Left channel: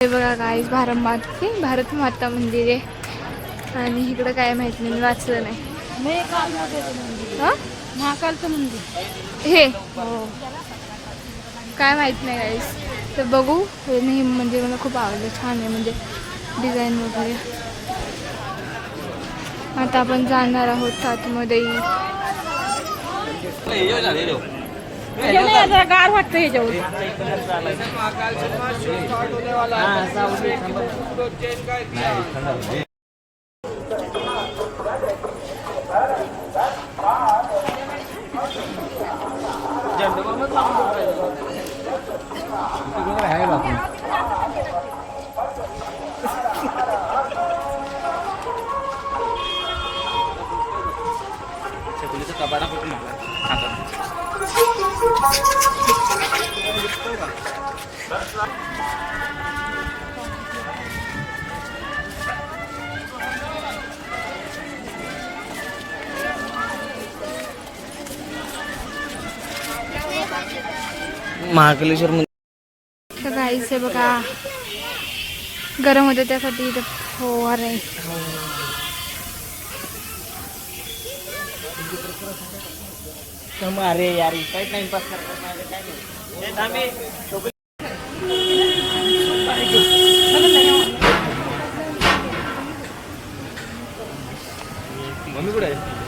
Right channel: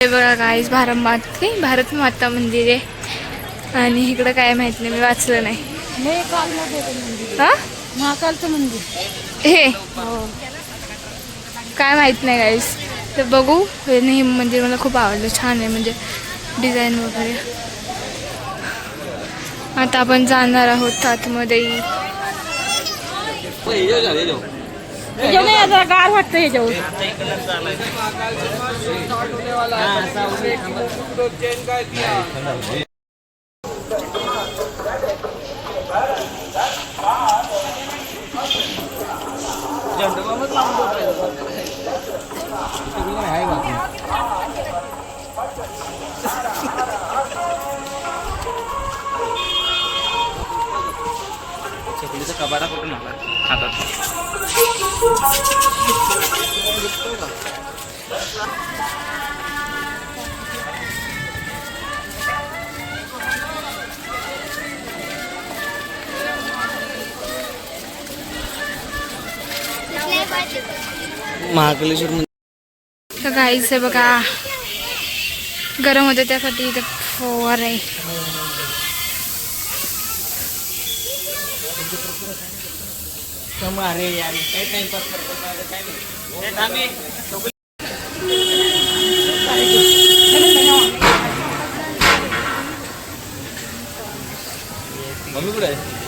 हे बघा गाईस भारत माता मंदिर आहे आणि इकडं काय माहित नाही, मी वाचलं नाही. हा महाकालचं मंदिर हे काय माहित नाही गाईस, तर बघू. हे मंदिर मला खूप आवडलं, छान आहे म्हणजे डिझाईन वगैरे. आता आपण जाणार आहोत आतमध्ये. गार वाटतं ह्याच्यावर. कबाडा कुठून महाकालेश्वर मंदिर. तर गाईस आहे बघा, गरम होते त्यासाठी इथे फवार आहे. अरे यार काही टाइमपास मम्मी कुठे आहे?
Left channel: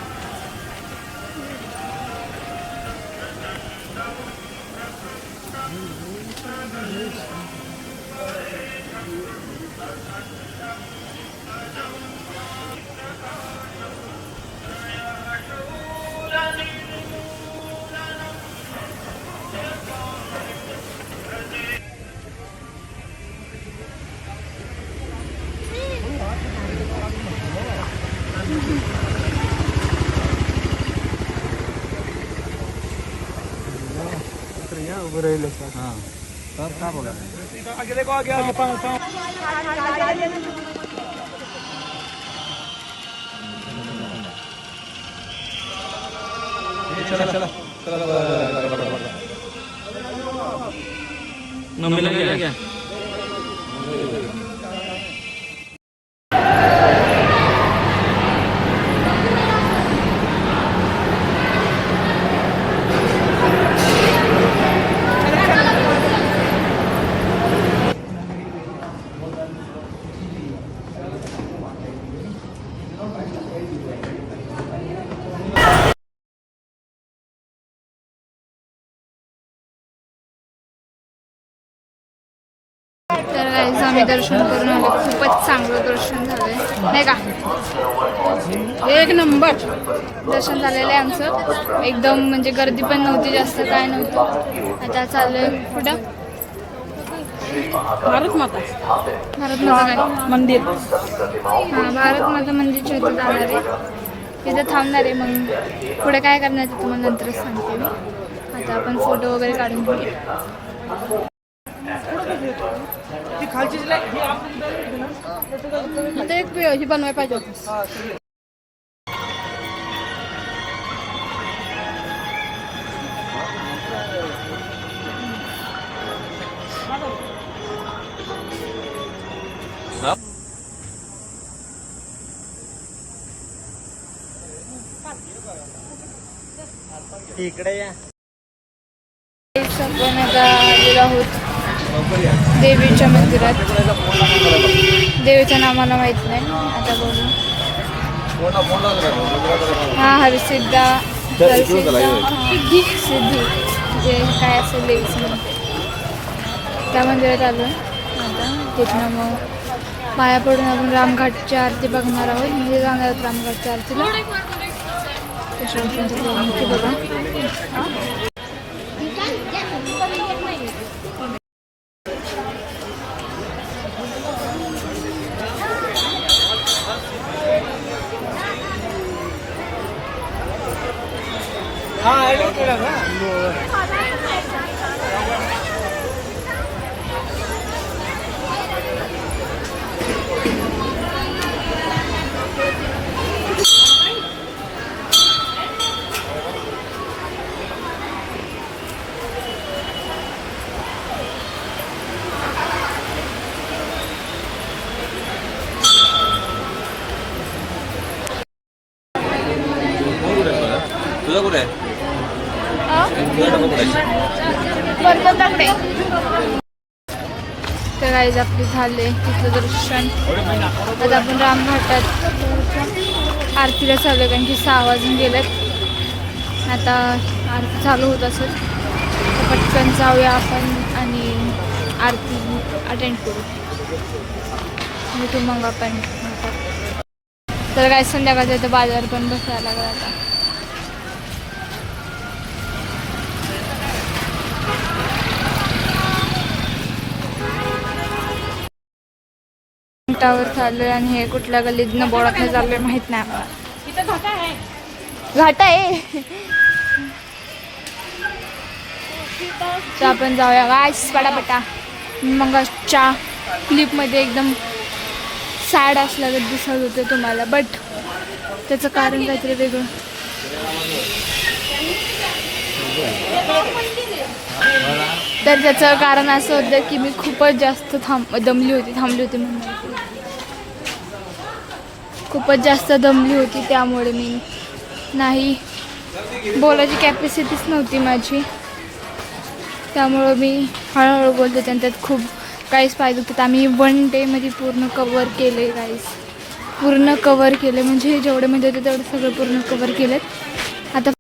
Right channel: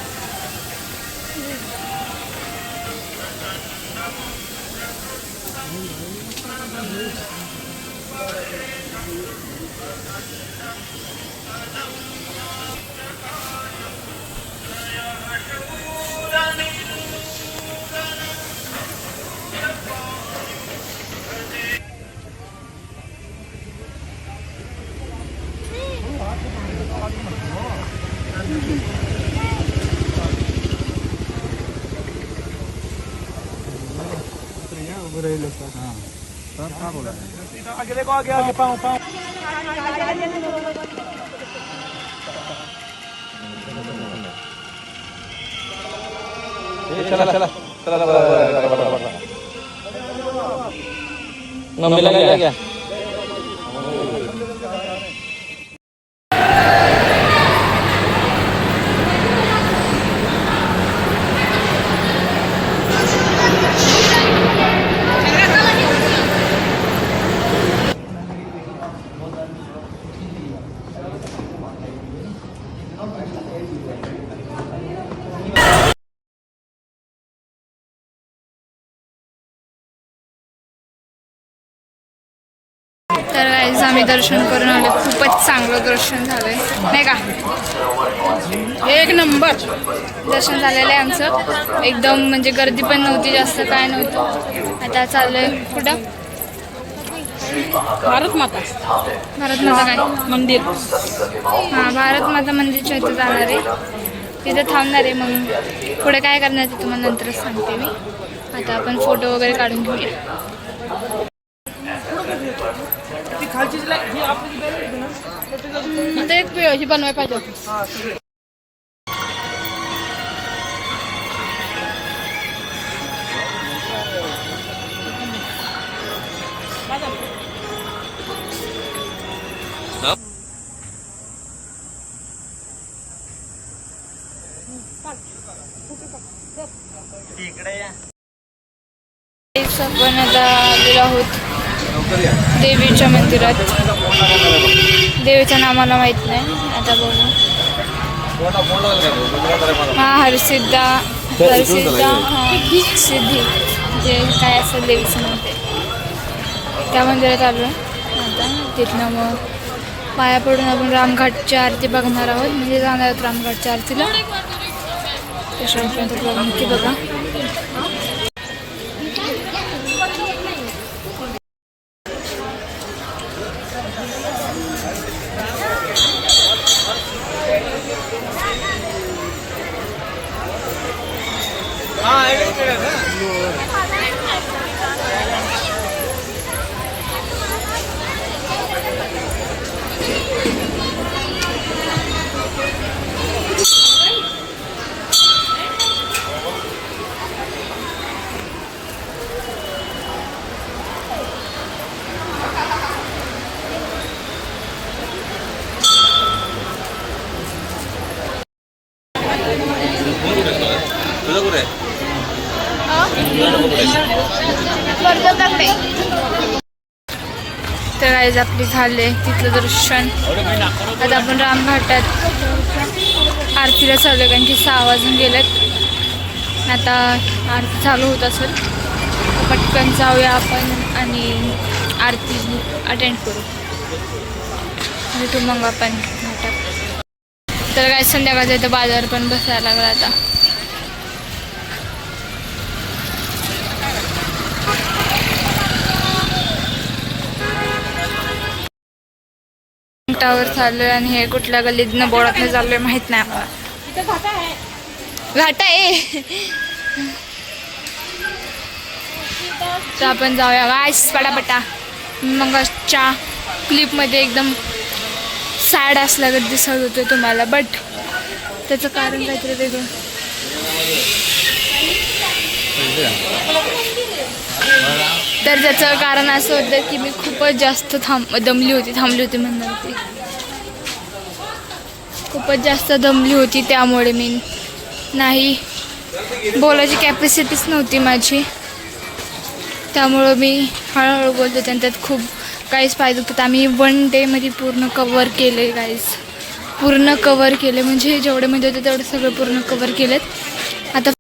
हाँ और क्या बोला आगे देखो आगे पाँव चला चला चला मम्मी लगा क्या तर गाईस आम्ही दर्शन करून आलो, खूपच चांगलं दर्शन झालंय नाही का. एक नंबर दर्शन झालेलं आहे आमचं एकदम, म्हणजे गर्दी पण नव्हती जास्त, काय नव्हतं. आता चाललोय कुठं, भारत माता काय मंदिर. हां, भारत माता मंदिरच्या इथे जाणार आहे, तिथं थांबणार आहे. मग पुढे काय करणार ते तुम्हाला नंतरच सांगते मी. आता आपण फोटो वगैरे काढून घेऊया. इथं एक ही बनवाय पाहिजे होती. आपण आता आलेलो आहोत देवीच्या मंदिरात. देवीचं नाव मला माहित नाही, आता बघू. हरसिद्धी जे काय असेल देवीचं म्हणते, त्या मंदिरात आलो आहे. आता तिथनं मग पाया पडून आपण रामघाटची आरती बघणार आहोत, म्हणजे जाणार आहोत रामघाटच्या आरतीला. त्याच्यापर्यंत बघून की बघा. तर गाईज आपली झाले तिथलं दर्शन. आता आपण रामघाटात आरतीला चालू, कारण की 6 वाजून गेलेत. आता आरती चालू होत असेल तर पटकन जाऊया आपण आणि आरती अटेंड करू आणि तू मग आपण घाटात. तर काय संध्याकाळचा इथं बाजार पण बसायला लागला आता. टावर चाललोय आणि हे कुठल्या गल्लीतनं बोळातनं चाललोय माहित नाही आम्हाला. घाट आहे तर आपण जाऊया गाईस पटापटा. मगाच्या क्लिपमध्ये एकदम सॅड असल्यागत दिसत होते तुम्हाला, बट त्याचं कारण काहीतरी वेगळं. तर त्याचं कारण असं होतं की मी खूपच जास्त थांबली होती म्हणणार ती. खूपच जास्त दमली होती, त्यामुळे मी नाही बोलायची कॅपॅसिटीच नव्हती माझी. त्यामुळं मी हळूहळू बोलते आणि त्यात खूप काहीच पाहिजे होतं. आम्ही 1 डेमध्ये पूर्ण कवर केले गाईज, पूर्ण कवर केले. म्हणजे जेवढे म्हणजे होते तेवढे सगळे पूर्ण कवर केलेत. आता